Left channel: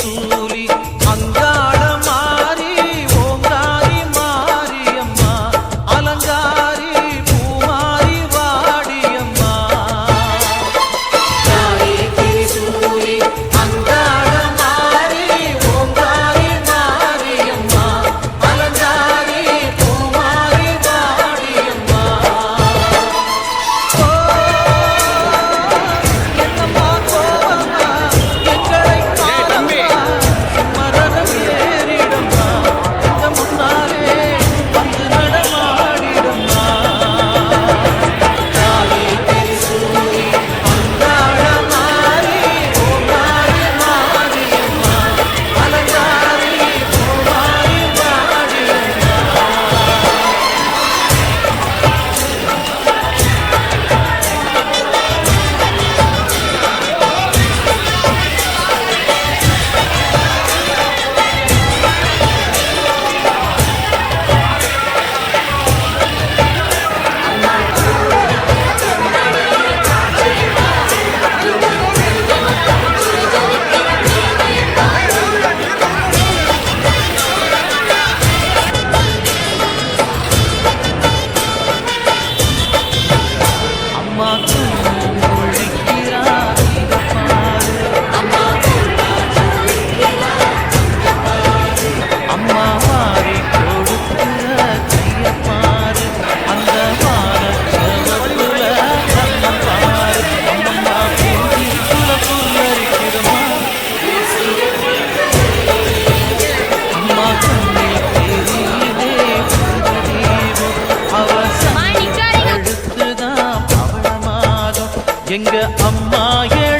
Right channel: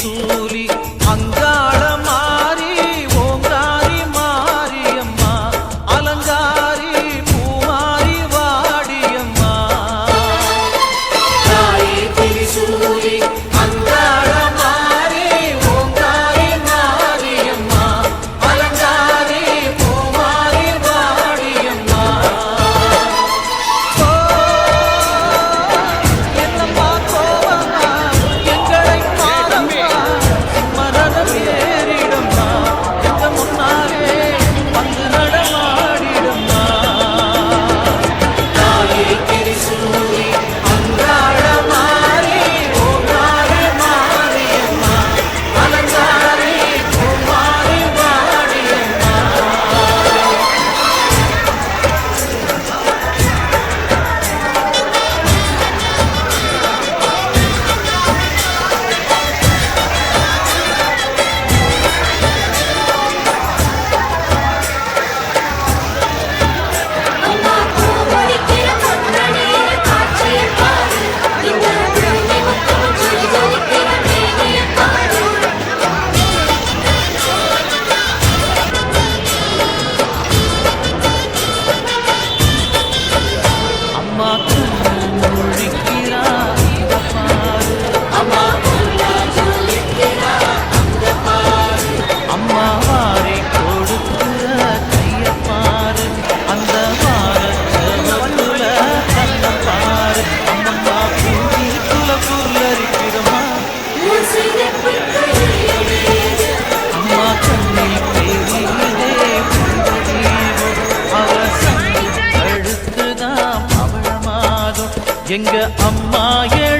tu வந்து வாரி கொடுக்கிற கைய பாரு அந்த வார செவப்புல கண்ணம் பாரு. அம்மம்மா பூங்கி குல புல்லரிக்கிறமா அம்மா கண்ணில் தெரியுதே புங்கதீபம் அவசம் கழுத்துதான் பவளமாதம் எங்க அம்மா எழு